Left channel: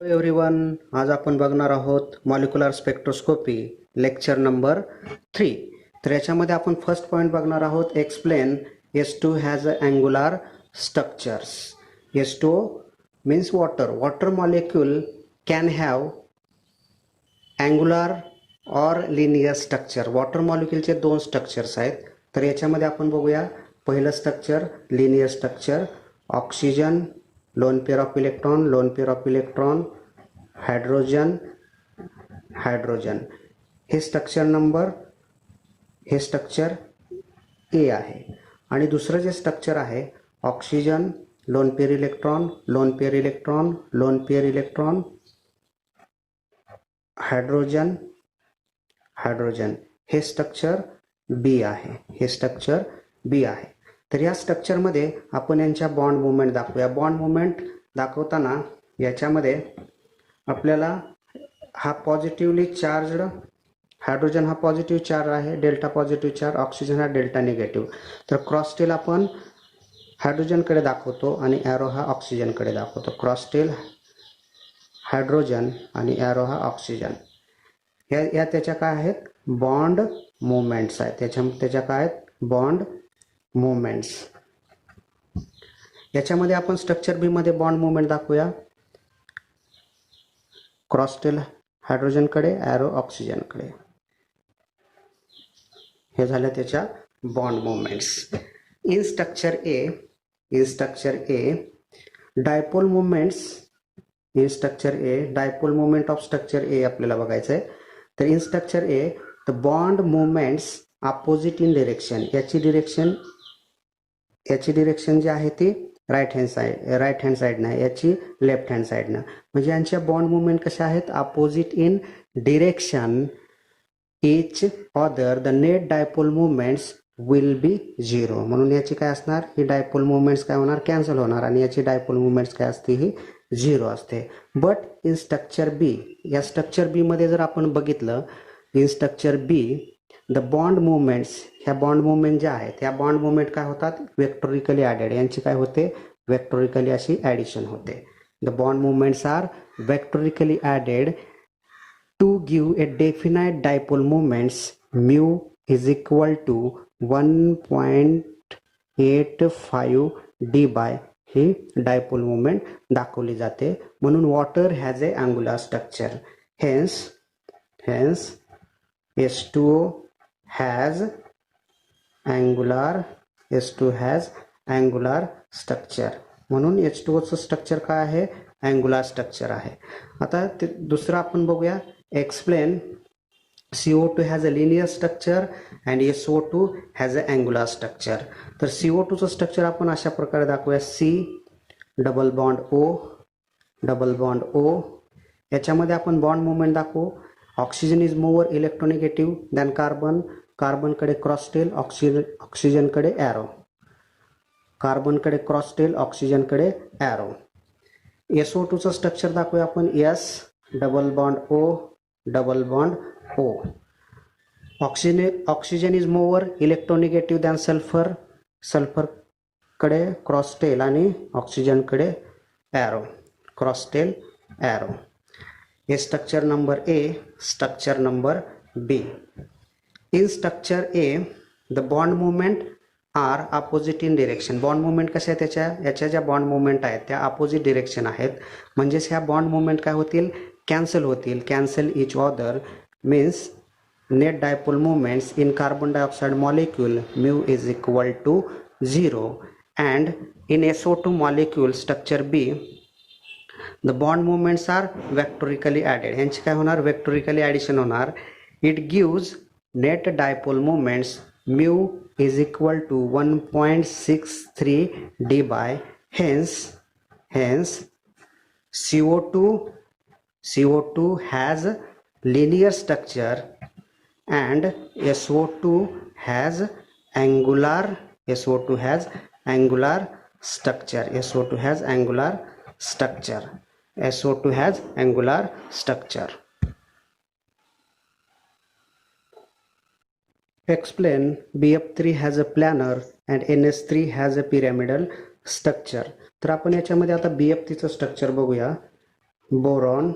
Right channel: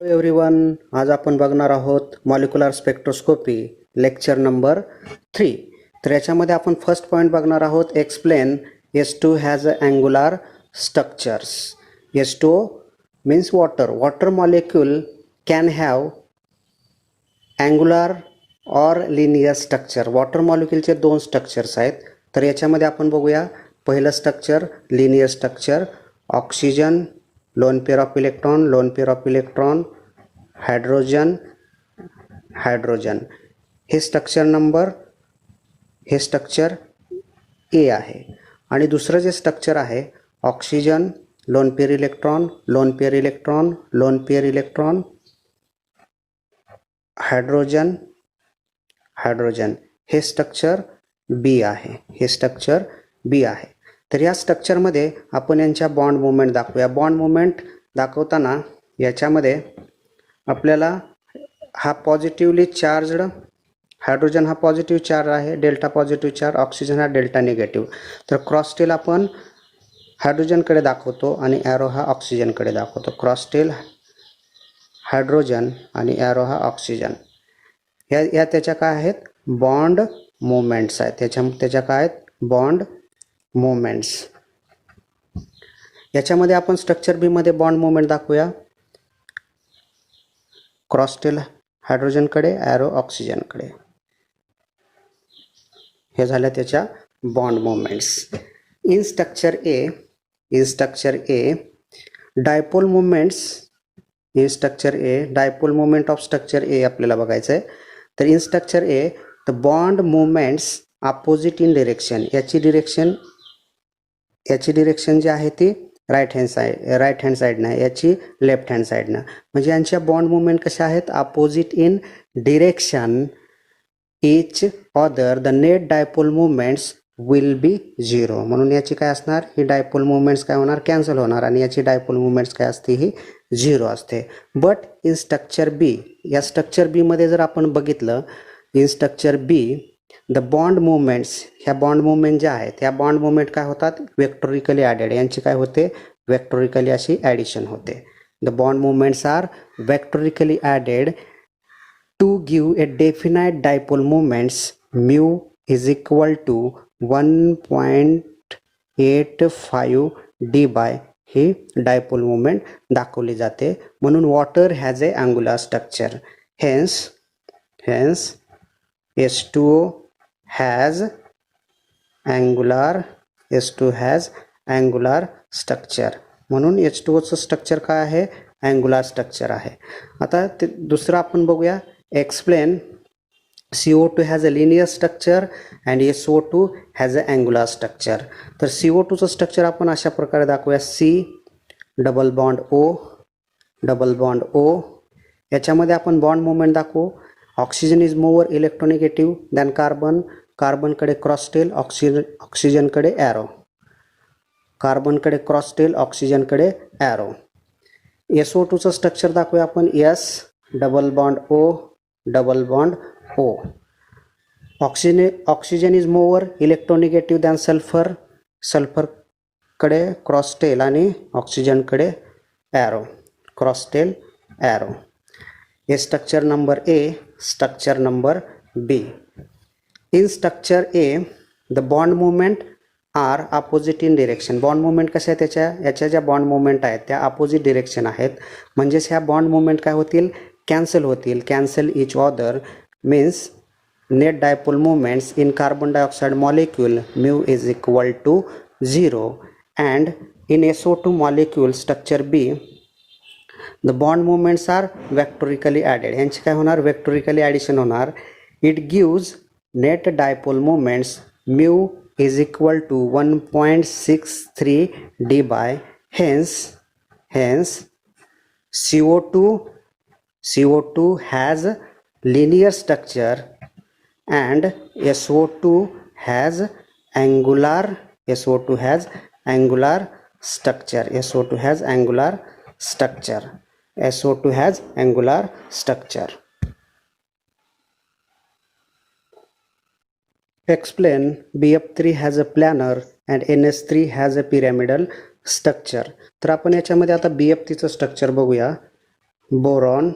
Everyone, आज आपण बघणार आहोत मॉलिक्युलर स्पेक्ट्रोस्कोपी लेक्चर नंबर 3. तर याच्यामध्ये आपण फर्स्ट पॉइंट बघणार आहोत. Explain H2 has a angular structures. H2 means water. Water molecule can have angular or linear structure. वॉटर मॉलिक्यूलचे दोन स्ट्रक्चर्स आहेत. तर याच्यामध्ये आपण बघूया. पहिलं structure linear structure. Oxygen, lone pair of electron, lone pair of electron, hydrogen, hydrogen. हे स्ट्रक्चर ए आहे. आणि दुसरं जे स्ट्रक्चर आहे oxygen, lone pair electron, lone pair electron, lone pair electron, hydrogen, hydrogen. हे स्ट्रक्चर बी आहे. हे structure B आहे. तर या स्ट्रक्चरमध्ये आपण यांच्या बॉन्ड मुवमेंट दाखवूया. बॉन्ड मुवमेंट दाखवताना याच्यामध्ये आपल्याला हा पॉझिटिव्हली चार्जड हायड्रोजन हा पॉझिटिव्ह चार्ज आहे, डेल्टा पॉझिटिव्ह चार्ज, ऑक्सिजन हा डेल्टा निगेटिव्ह. तर क्रॉस टेल आपण हायड्रोजनकडे दाखवतो आणि ॲरो हा ऑक्सिजनकडे दाखवतो. क्रॉस टेल हायड्रोजन आणि ॲरो हा ऑक्सिजन. या त्याच्या काय आहेत? बॉन्ड मुवमेंट्स आहेत. त्याच्या काय आहेत? Bond movements. याच्यामध्ये आपण स्ट्रक्चर बी मध्ये बॉन्ड मुवमेंट दाखवूया. क्रॉस टेल हायड्रोजनकडे, ॲरो ऑक्सिजनकडे. हे झाल्या त्याच्या bond movements. In structure A dipole movements. In structure A dipole movement of structure A आपल्याला बघायचं आहे. तर in structure A the bond movements opposite in direction. याची डिरेक्शन जी आहे ती राईट हँड साईडनं, याची लेफ्ट हँड साईडनं. म्हणजे यांच्या बॉन्ड मुवमेंट कशा आहेत? Opposite in direction each other. The net dipole movements will be zero. म्हणून याची काय असणार? ही डायपोल मुवमेंट्स काय होणार? कॅन्सल होणार. आणि याची डायपोल मुवमेंट्स काय असते? ही झिरो असते. बट इन स्ट्रक्चर बी, या स्ट्रक्चर बी मध्ये जर आपण बघितलं, in structure B the bond movements, ह्या बॉन्ड मुवमेंट ज्या आहेत ह्या बॉन्ड मुवमेंट काय होतात? Vectorially added. यांची काय होते? वेक्टोरिकली अशी ॲडिशन होते. The bond movements are vectorially added to give a definite dipole movements mu is equal to 1.85 Debye ही डायपोल मुवमेंट दाखवली जाते. म्हणून water has a angular structure. Hence H2O has angular structure. म्हणून H2Oचं structure काय आहे? Angular structure आहे. आता ते दुसरं आपण बघूया. Explain CO2 has a linear structure and SO2 has a angular structure. तर CO2चं स्ट्रक्चर आपण अशा प्रकारे दाखवूया. C double bond O. याच्यामध्ये आपण बॉन्ड मुवमेंट दाखवू. Oxygen is more electronegative than carbon. कार्बनकडे क्रॉस टेल, ऑक्सिजनकडे ॲरो. कार्बनकडे क्रॉस टेल, ऑक्सिजनकडे ॲरो. SO2चं स्ट्रक्चर दाखवूया आपण. S double bond O. Oxygen is more electronegative than sulphur. सल्फरकडे क्रॉस टेल आणि ऑक्सिजनकडे ॲरो. Cross tail, arrow. हे structure number A. Structure number B. In structure A the bond movement are opposite in direction. Bond movement कशा आहे? याच्या ज्या bond movement आहेत त्या अपोजिट डिरेक्शन आहेत. म्हणजेच ह्या बॉन्ड मुवमेंट काय होतील? कॅन्सल होतील. Cancel each other means net dipole movements in carbon dioxide molecule mu is equal to 0. And in SO2 molecule structure B the bond movements are vectorially added. यांची काय होणार? Vectorially addition होणार. It gives net dipole movements mu is equal to 1.63 Debye. Hence CO2 has linear structure and SO2 has angular structure. SO2 has angular structure. Explain BF3 has a planar and NS3 has a pyramidal structure. तर आपण याच्यामध्ये आता BF3चं structure बघूया. Boron,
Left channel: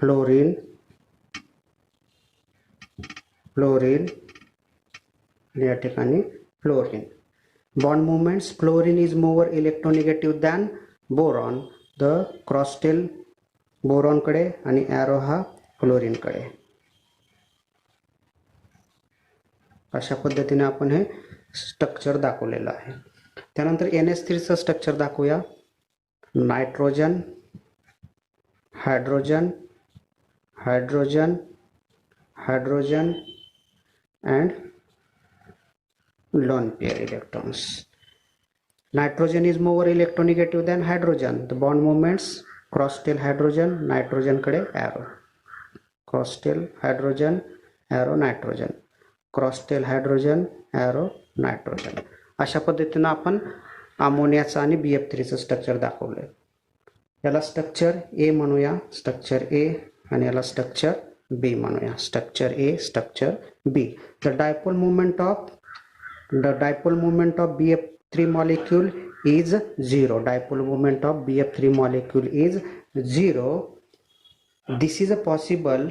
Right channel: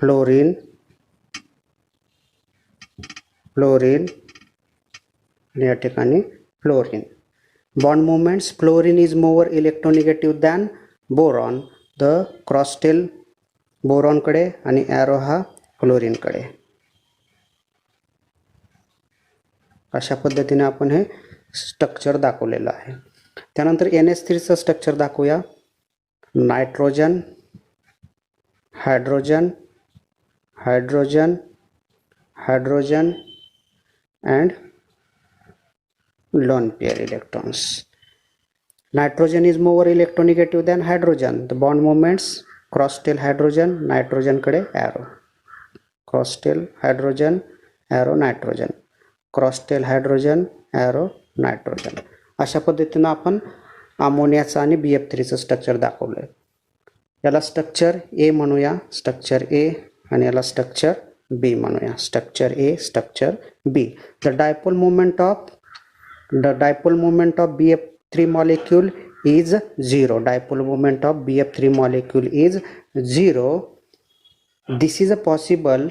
fluorine, या ठिकाणी fluorine. Bond movements, fluorine is more electronegative than boron. The cross tail बोरॉनकडे आणि ॲरो हा फ्लोरीनकडे. अशा पद्धतीने आपण हे स्ट्रक्चर दाखवलेलं आहे. त्यानंतर NH3चं स्ट्रक्चर दाखवूया. Nitrogen, hydrogen, hydrogen, hydrogen and lone pair electrons. Nitrogen is more electronegative than hydrogen. The bond moments cross tail hydrogen, nitrogen कडे arrow, cross tail hydrogen, arrow nitrogen, cross tail hydrogen, arrow nitrogen. अशा पद्धतीने आपण अमोनियाचं आणि BF3चं structure दाखवलंय. याला structure ए म्हणूया, structure ए, आणि याला स्ट्रक्चर बी म्हणूया, structure A, structure B. The dipole moment of BF3 molecule is 0. Dipole moment of BF3 molecule is 0. This is a possible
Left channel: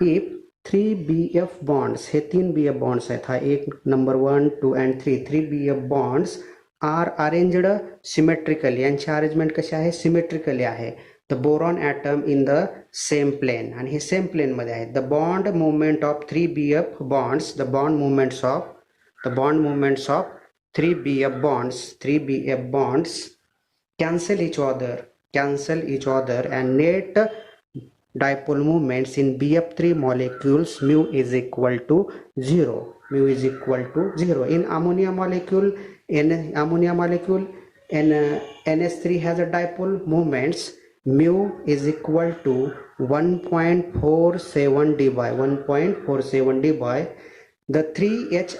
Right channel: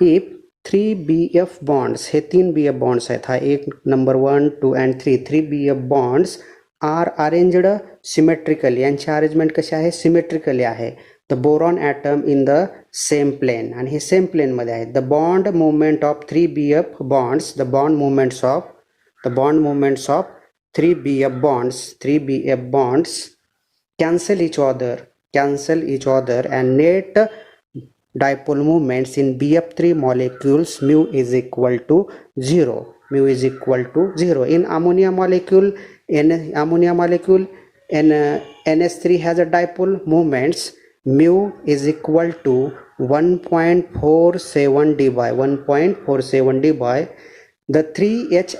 if 3 BF bonds, हे 3 BF bonds आहेत, हा एक number 1, 2 and 3 BF bonds are arranged symmetrically. यांची arrangement कशी आहे? Symmetrically आहे. The boron atom in the same plane, आणि हे सेम प्लेन मध्ये आहे. The bond movement of 3 BF bonds, the bond moments of 3 BF bonds cancel each other and net dipole moments in BF3 molecules mu is equal to 0. In ammonia molecule NH3 has a dipole moments mu is equal to 1.47 d by the 3H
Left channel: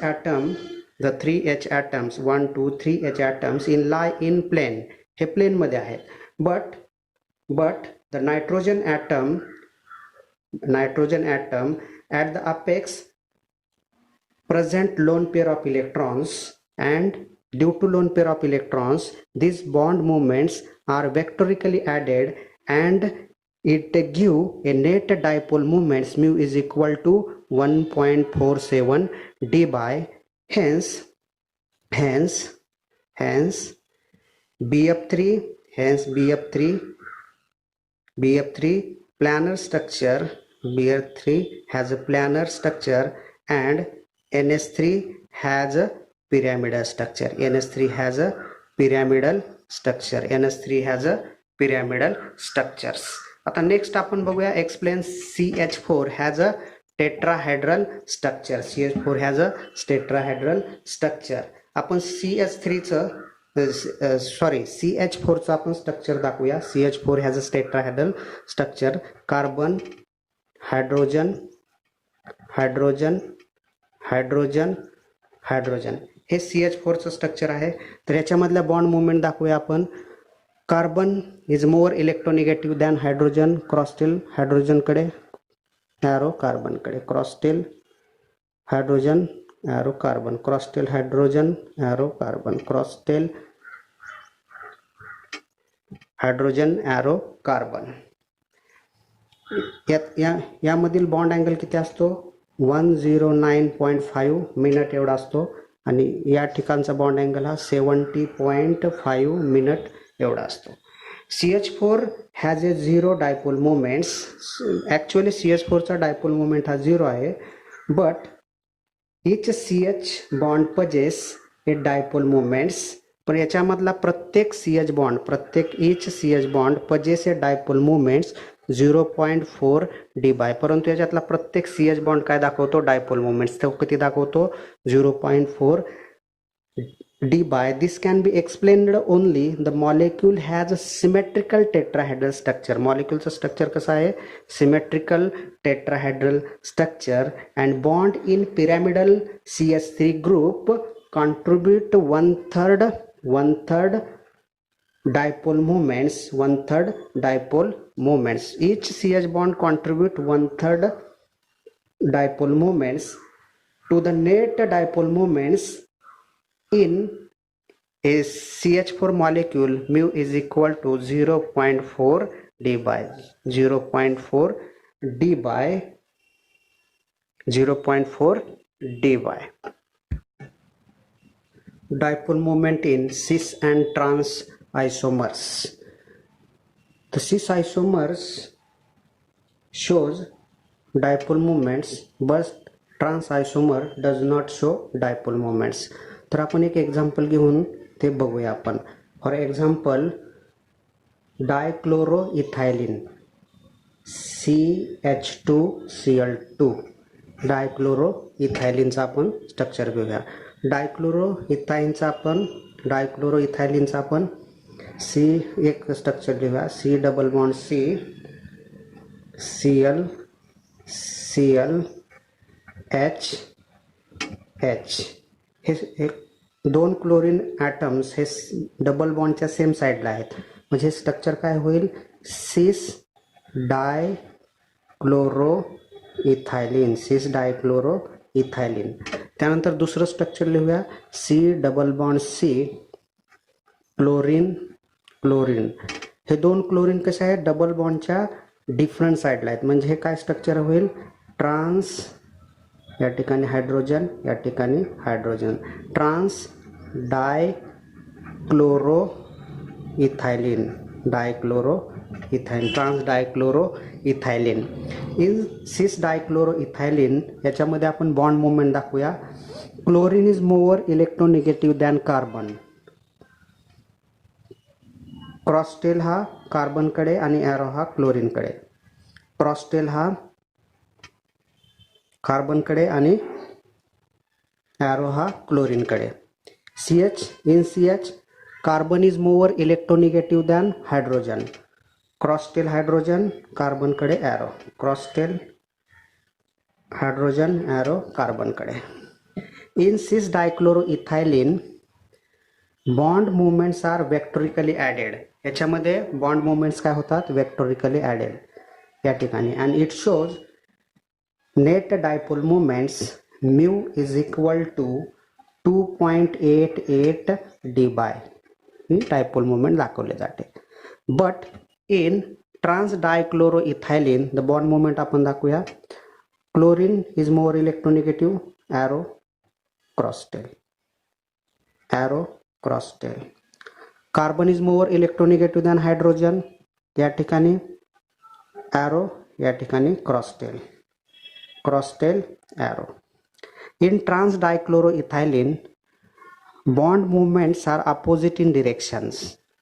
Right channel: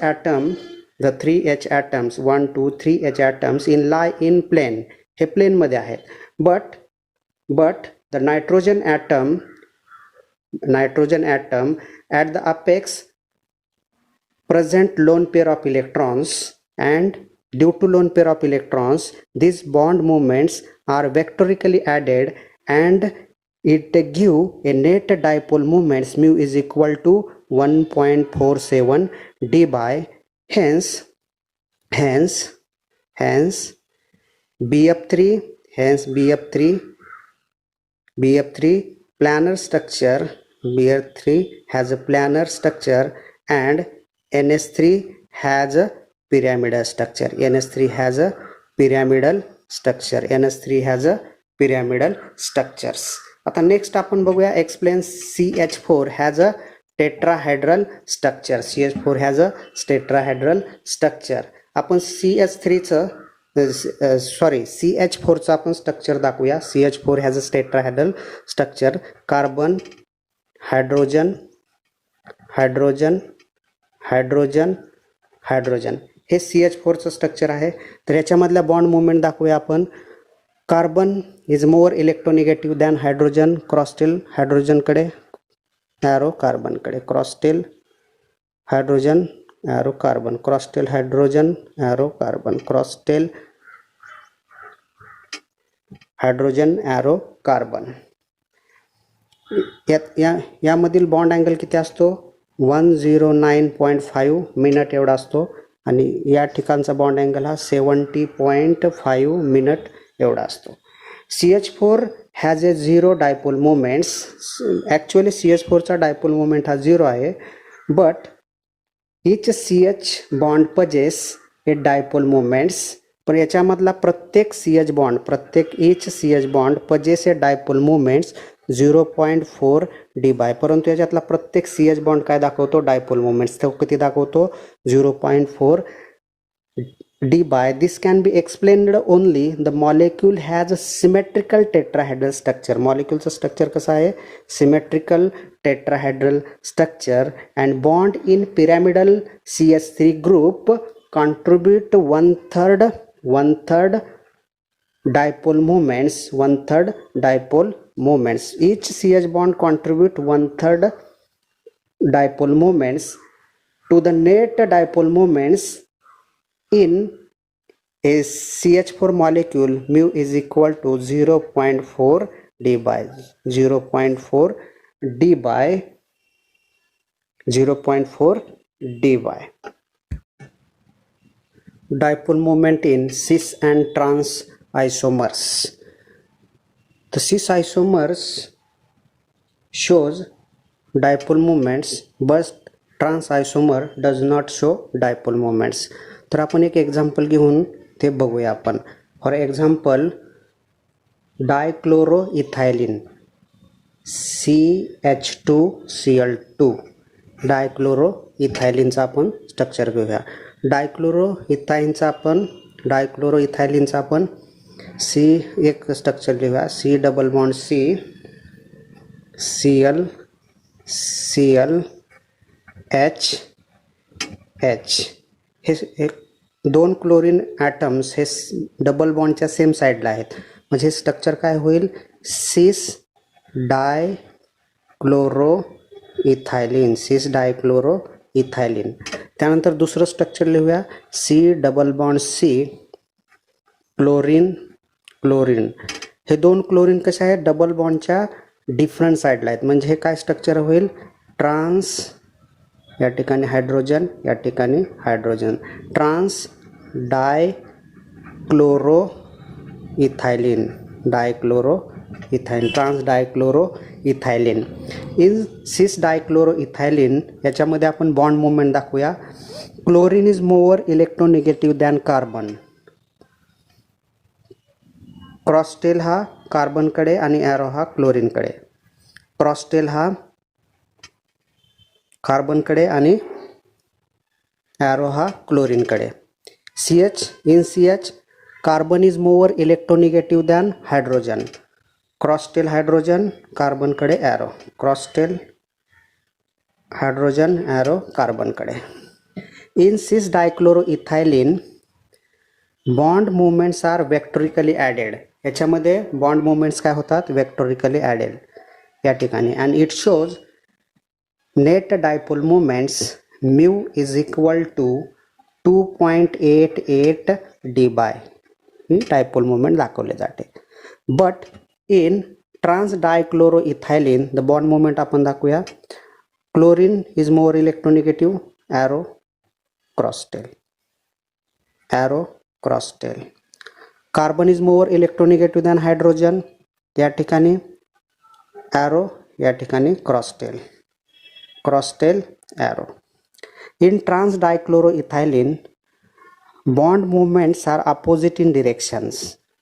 atoms 1 2 3H atoms lie in plane, हे plain मध्ये आहेत. but the nitrogen atom at the apex present lone pair of electrons, and due to lone pair of electrons these bond moments are vectorically added and it give a net dipole moments mu is equal to 1.47 d by. Hence BF3 planar structure. BF3 has a planar structure and NH3 has a pyramidal structure. NH3 has a pyramidal structures. आता next आपण बघूया, explain CH4 has a tetrahedral structure. CH4 has a tetrahedral structure. आपण CH4चं आपण structure दाखवूया. CH4 has a tetrahedral structure. Carbon, hydrogen, हे CH4चं structure आहे. तर याच्यामधल्या बॉन्ड मुवमेंट दाखवूया आपण. Carbon is more electronegative than hydrogen. Cross tail हायड्रोजनकडे, ॲरो कार्बनकडे. Cross tail hydrogen, arrow carbon. Cross tail hydrogen, arrow carbon. Cross tail hydrogen, arrow carbon. यामधील बॉन्ड अँगल किती असतो? 109.5 मिनिट एवढा असतो, आणि या ठिकाणचा बॉन्ड अँगल हा 70.5 मिनिट एवढा असतो. CH4 has a 0 dipole moments. Actually CH4चा डायपोल मोमेंट हा 0 आहे, but each CH bond possess a dipole moments. पण याच्यामधला प्रत्येक CH bond possess a dipole moments 0.4 d by. परंतु याच्यातला प्रत्येक CH बॉन्ड काय दाखवतो? Dipole moments. तो किती दाखवतो? 0.4 d by. This can be explained only the molecule has a symmetrical tetrahedral structure. moleculeचं स्ट्रक्चर कसं आहे? symmetrical tetrahedral structure, and bond in pyramidal CH3 group contribute one third dipole moments. Each CH bond contribute 1/3 dipole moments to the net dipole moments in A CH4 molecule mu is equal to 0.4 d by 0.4 d by 0.4 dy. Dipole moment in cis and trans isomers. The cis isomers shows dipole moments but trans isomer does not show dipole moments. तर आपण एक example घेऊन ते बघूया आपण. For example डायक्लोरोइथायलिन CH2Cl2 डायक्लोरोइथायलिनचा आपण structure घेऊया. डायक्लोरोइथायलिनचा आपण सी एक स्ट्रक्चर घेऊया. C double bond C Cl Cl H H. हे दोन क्लोरीन ॲटम्स हे डबल बॉन्डच्या सेम साईडला आहेत. म्हणजे स्ट्रक्चर काय होईल? सिस डायक्लोरोइथायलिन. सिस डायक्लोरोइथायलिन. त्यानंतर दुसरं स्ट्रक्चर लिहूया. C double bond C chlorine chlorine. हे दोन क्लोरीन कसे आहेत? डबल बॉन्डच्या डिफरंट साईडला आहेत. म्हणजे हे काय स्ट्रक्चर होईल? ट्रान्स या ठिकाणी हायड्रोजन या ठिकाणी hydrogen. Trans dichloroethylene dichloroethylene trans dichloroethylene. In cis dichloroethylene याच्यामध्ये आपण बॉन्ड मुवमेंट दाखवूया. Chlorine is more electronegative than carbon. Cross tail हा कार्बनकडे आणि ॲरो हा क्लोरीनकडे. क्रॉसटेल हा कार्बनकडे आणि ॲरो हा क्लोरीनकडे. CH in CH carbon is more electronegative than hydrogen. Cross tail hydrogen कार्बनकडे ॲरो. क्रॉसटेल हायड्रोजन ॲरो कार्बनकडे. In cis dichloroethylene bond movements are vectorially added. याच्यामध्ये बॉन्ड मुवमेंट्स काय होतात? वेक्टोरिकली ॲडेड या ठिकाणी. And it shows net dipole movements mu is equal to 2.88 Debye. ही dipole movement दाखवले जाते. But in trans dichloroethylene the bond movement आपण दाखवूया. Chlorine is more इलेक्ट्रोनिगेटिव्ह arrow cross tail arrow cross tail. Carbon is more electronegative than hydrogen या ठिकाणी arrow या ठिकाणी cross tail cross tail arrow. In trans dichloroethylene bond movements are opposite in directions,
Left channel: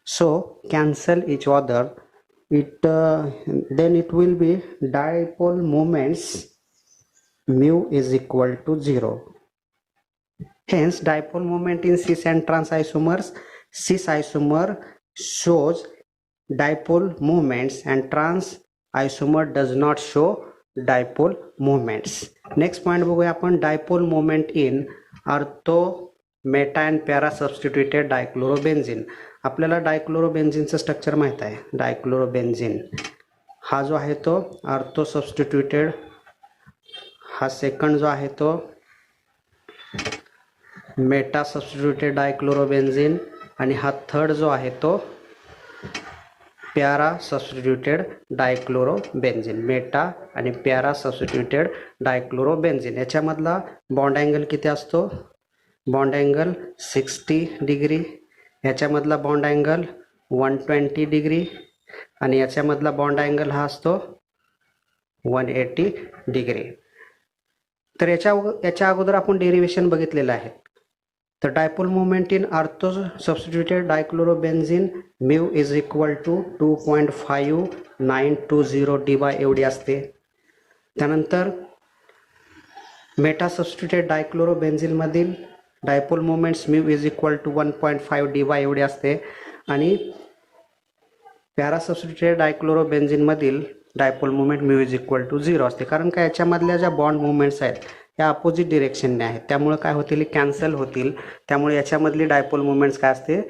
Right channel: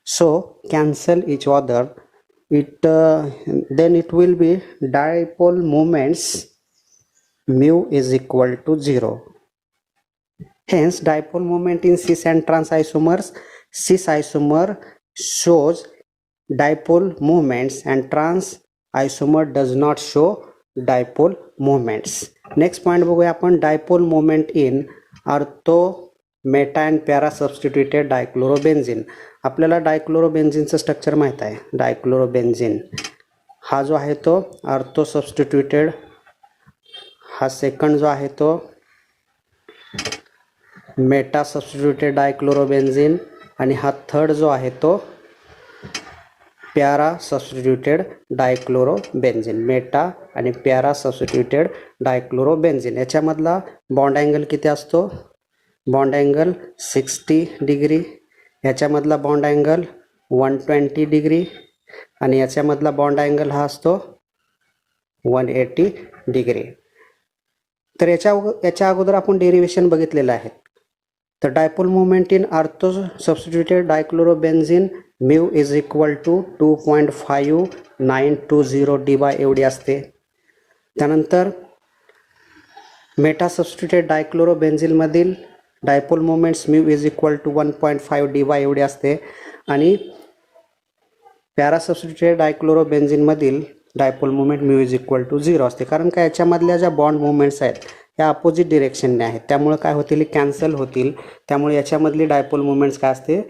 so cancel each other. Then it will be dipole moments mu is equal to 0. Hence dipole moment in cis and trans isomers. Cis isomer shows dipole moments and trans isomer does not show dipole moments. Next point बघूया आपण. Dipole moment in ortho meta and para substituted dichlorobenzene. आपल्याला डायक्लोरोबेन्झिनचं structure माहीत आहे. डायक्लोरोबेन्झिन हा जो आहे तो आर्थो सबस्टिट्युटेड. हा सेकंड जो आहे तो मेटा सबस्टिट्युटेड डायक्लोरोबेन्झिन आणि हा थर्ड जो आहे तो पॅरा सबस्टिट्युटेड डायक्लोरोबेन्झिन. मेटा आणि पॅरा सबस्टिट्युटेड डायक्लोरोबेन्झिन याच्यामधला बॉन्ड अँगल किती असतो? Bond angle 60 degree. याच्यामधला बॉन्ड अँगल 120 डिग्री आणि याच्यामधला बॉन्ड अँगल हा असतो 180 डिग्री. तर याच्या अगोदर आपण डेरिव्हेशन बघितलेलं आहे. तर dipole moment in ortho substituted dichlorobenzene mu is equal to 2.5920 Debye एवढी असते. त्यानंतर मेटा सबस्टिट्युटेड डायक्लोरोबेन्झिनमधील dipole moments mu is equal to 1.5 Debye एवढी असते. आणि पॅरा सबस्टिट्युटेड डायक्लोरोबेन्झिनमधील dipole moment mu is equal to 0 असते. कारण का याच्यामधल्या ज्या बॉन्ड मुवमेंट्स आहेत त्या अपोजिट डिरेक्शनने आहेत. त्यामुळे काय होतील? कॅन्सल होतील. त्यामुळे याच्यामधली डायपोल मुवमेंट्स काय असते?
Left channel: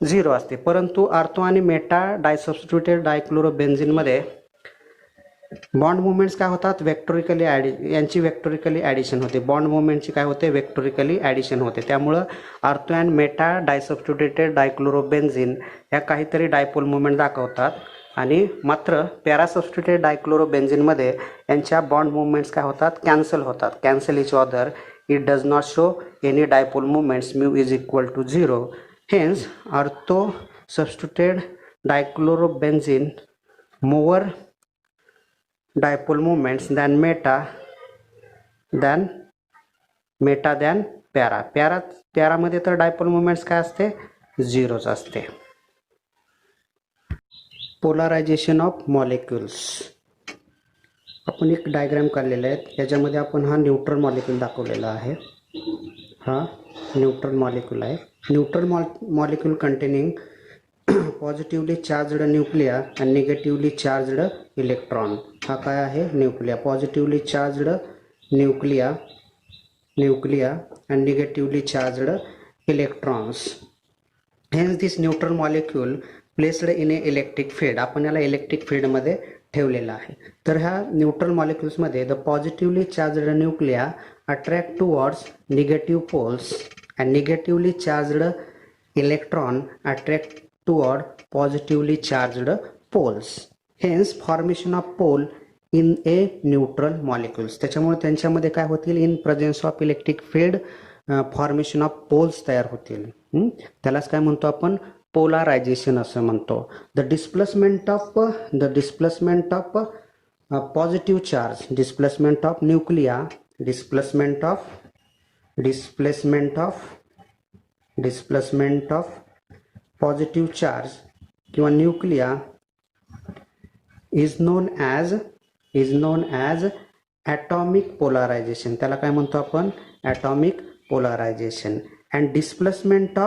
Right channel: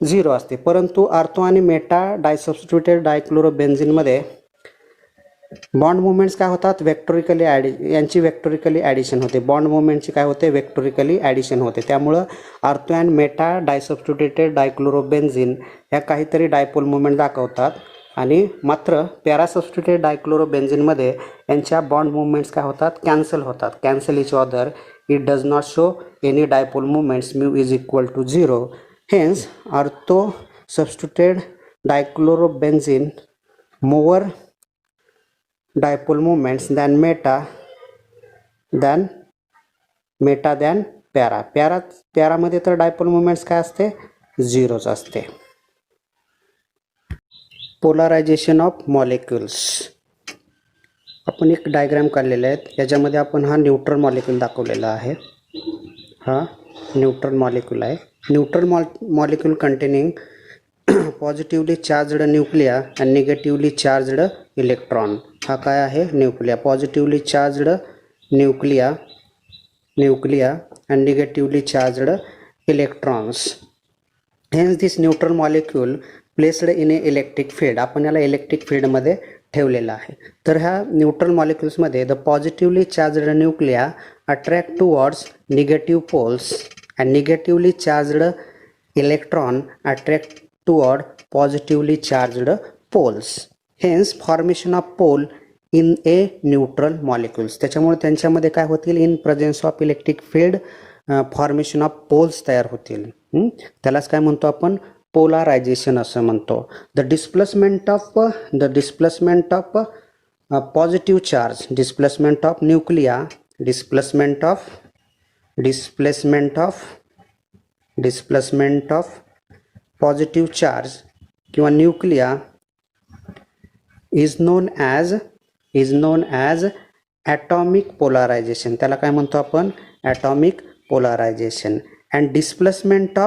0 असते. परंतु आर्थो आणि मेटा डायसबस्टिट्युटेड डायक्लोरोबेन्झिनमध्ये बॉन्ड मुवमेंट्स काय होतात, वेक्टोरिकली यांची वेक्टोरिकली ॲडिशन होते. बॉन्ड मुवमेंटची काय होते, वेक्टोरिकली ॲडिशन होते. त्यामुळं ऑर्थो अँड मेटा डायसब्स्टिट्युटेड डायक्लोरोबेन्झिन ह्या काहीतरी डायपोल मुवमेंट दाखवतात आणि मात्र पॅरासब्स्टिट्युटेड डायक्लोरोबेन्झिनमध्ये यांच्या बॉन्ड मुवमेंट्स काय होतात, कॅन्सल होतात. Cancel each other. It does not show any dipole movements. Mu is equal to 0. Hence ortho substituted dichlorobenzene more dipole moments than पॅरामध्ये तर डायपोल मोमेंट्स काय असते, 0च असते. Polarization of molecules. आपण एक डायग्राम काढलेला आहे. याच्यामध्ये आपण हा न्यूट्रल मॉलिक्यूल दाखवलेला आहे. हा न्यूट्रल मॉलिक्यूल आहे. Neutral molecule containing positively charged nuclei and negatively charged electron. हा काय आहे, nuclei. Positively charged nuclei and negatively charged electrons. Hence this neutral molecule placed in a electric field. आपण याला electric फील्डमध्ये ठेवलेला आहे. तर ह्या न्यूट्रल मॉलिक्युल्समध्ये the positively charged nuclei attract towards negative poles and negatively charged electron attract toward positively charged poles. Hence formation of pole in a neutral molecules. त्याच्यामुळे त्यांच्यामध्ये काय होतील, in presence of electric field formation of poles तयार होतील. त्यालाच काय म्हणतो आपण, पोलरायझेशन असं म्हणतो. The displacement of positive charge, displacement of nuclei, displacement of positive charge किंवा nuclei is known as atomic polarization. त्याला काय म्हणतो आपण, atomic polarization. And displacement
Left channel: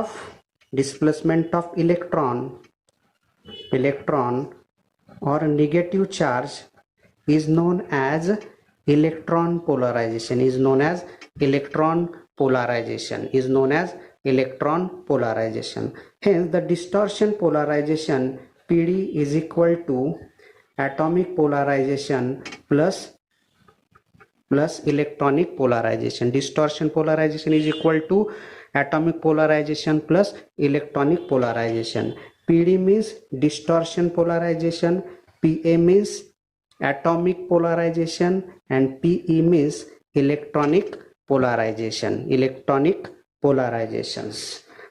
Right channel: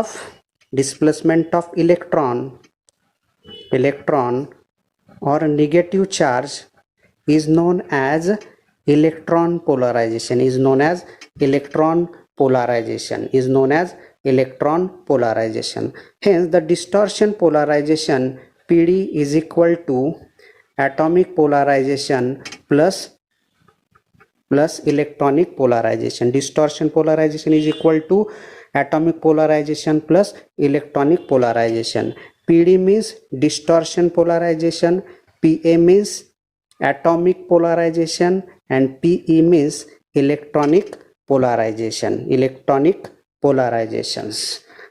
of electron or negative charge is known as electron polarization. Hence the distortion polarization PD is equal to atomic polarization plus electronic polarization. Distortion polarization is equal to atomic polarization plus electronic polarization. PD means distortion polarization, PA means atomic polarization, and PE means electronic polarizations.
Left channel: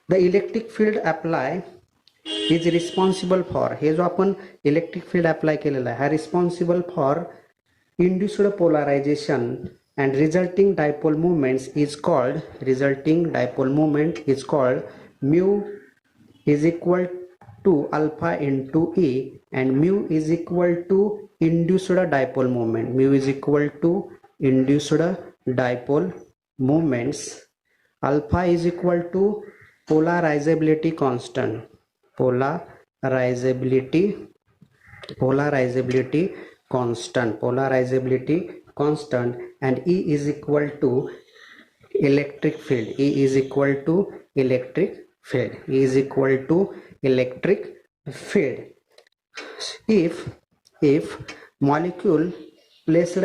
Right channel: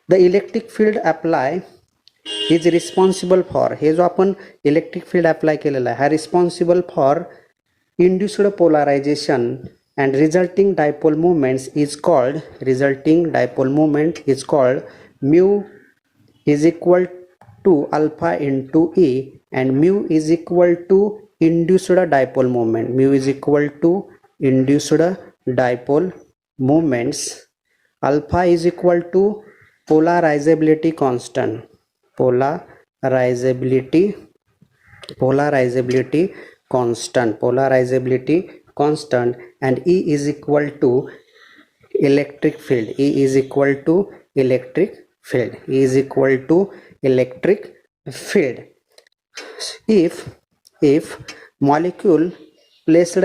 The electric field apply is responsible for, हे जो आपण electric field apply केलेला आहे हा responsible for induced polarization and resulting dipole moment is called mu is equal to alpha into E, and mu is equal to induced dipole moment. Mu is equal to induced dipole moments. Alpha is equal to polarizability constant, and E is equal to electric field. If molecule placed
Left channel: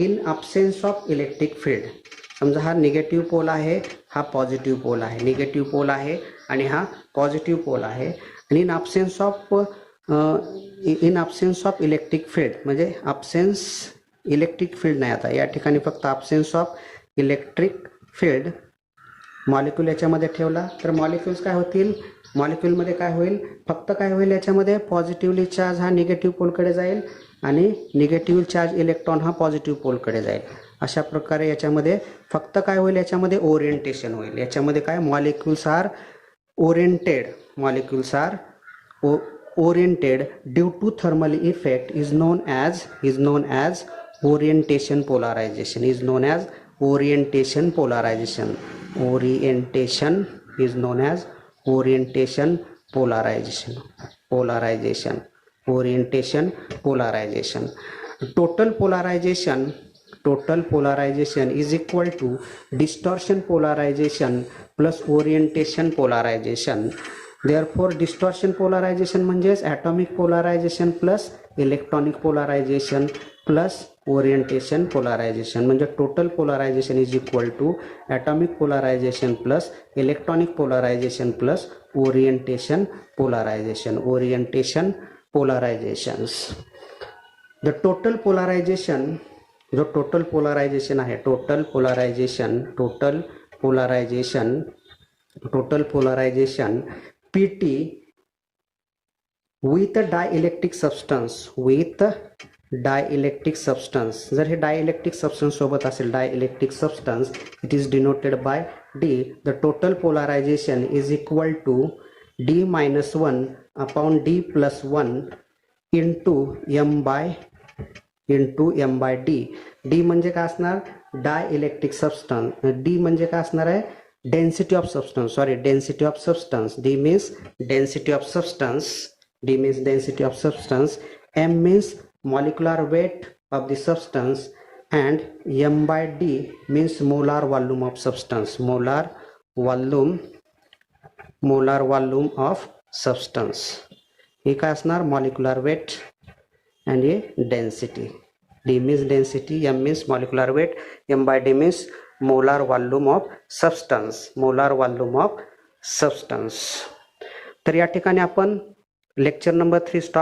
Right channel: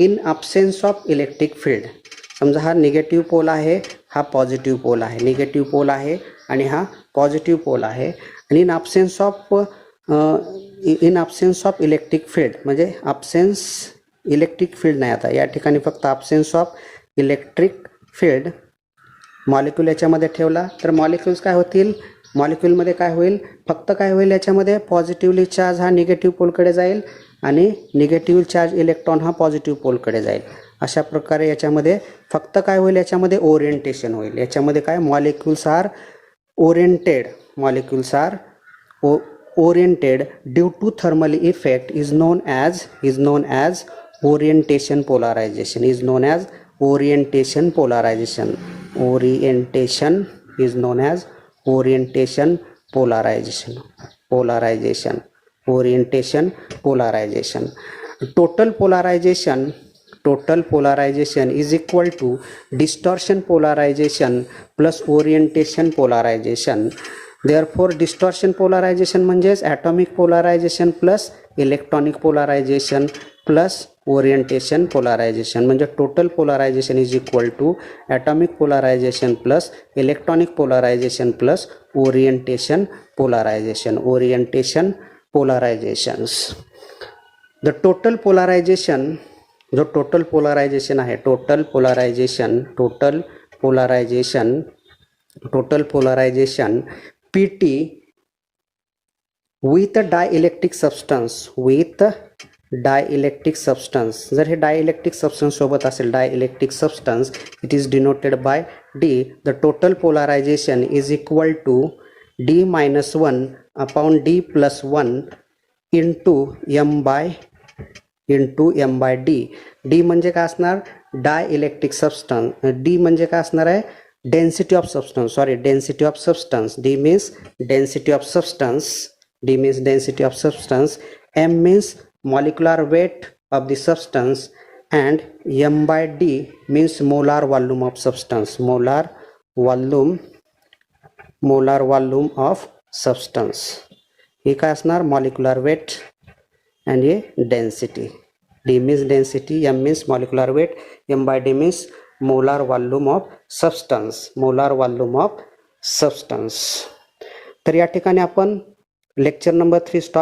in absence of electric field, समजा हा negative pole आहे, हा positive pole आहे, negative pole आहे आणि हा positive pole आहे, आणि in absence of electric field, म्हणजे इलेक्ट्रिक फील्ड नाही, आता या ठिकाणी फक्त absence of electric field molecule याच्यामध्ये ठेवला तर मॉलिक्यूल्स काय होतील, मॉलिक्यूलमध्ये काय होईल, फक्त काय होईल, याच्यामध्ये पॉझिटिव्हली चार्ज हा निगेटिव्ह पोलकडे जाईल आणि निगेटिव्ह चार्ज इलेक्ट्रॉन हा पॉझिटिव्ह पोलकडे जाईल. अशा प्रकारे याच्यामध्ये फक्त काय होईल, याच्यामध्ये ओरिएंटेशन होईल. याच्यामध्ये काय, molecules are oriented due to thermal effect is known as orientation polarization. Total polarization is equal to distortion polarization plus orientation polarization. Therefore distortion polarization म्हणजेच atomic polarization plus electronic polarization plus orientation polarization, म्हणजे total polarization is equal to atomic polarization plus electronic polarization plus orientation polarization. Orientation polarizations. The total polarization, जो total polarization आहे, total polarization PT with dielectric substance, जर हे dielectric substance सोबत असेल, dielectric substance, it is denoted by D. The total polarization is equal to D-1 upon D+1 into M bye D. D म्हणजे काय असणार, dielectric substance. D म्हणजे काय असणार आहे, density of substance. D means density of substance. M means molecular weight of the substance, and M by D means molar volume of substance. Molar volume of substance. हे काय असणार, molecular weight and हे density. D means density, M means molecular weight, M by D means molar volume of substance. तर या ठिकाणी आपण lecture number 3 stop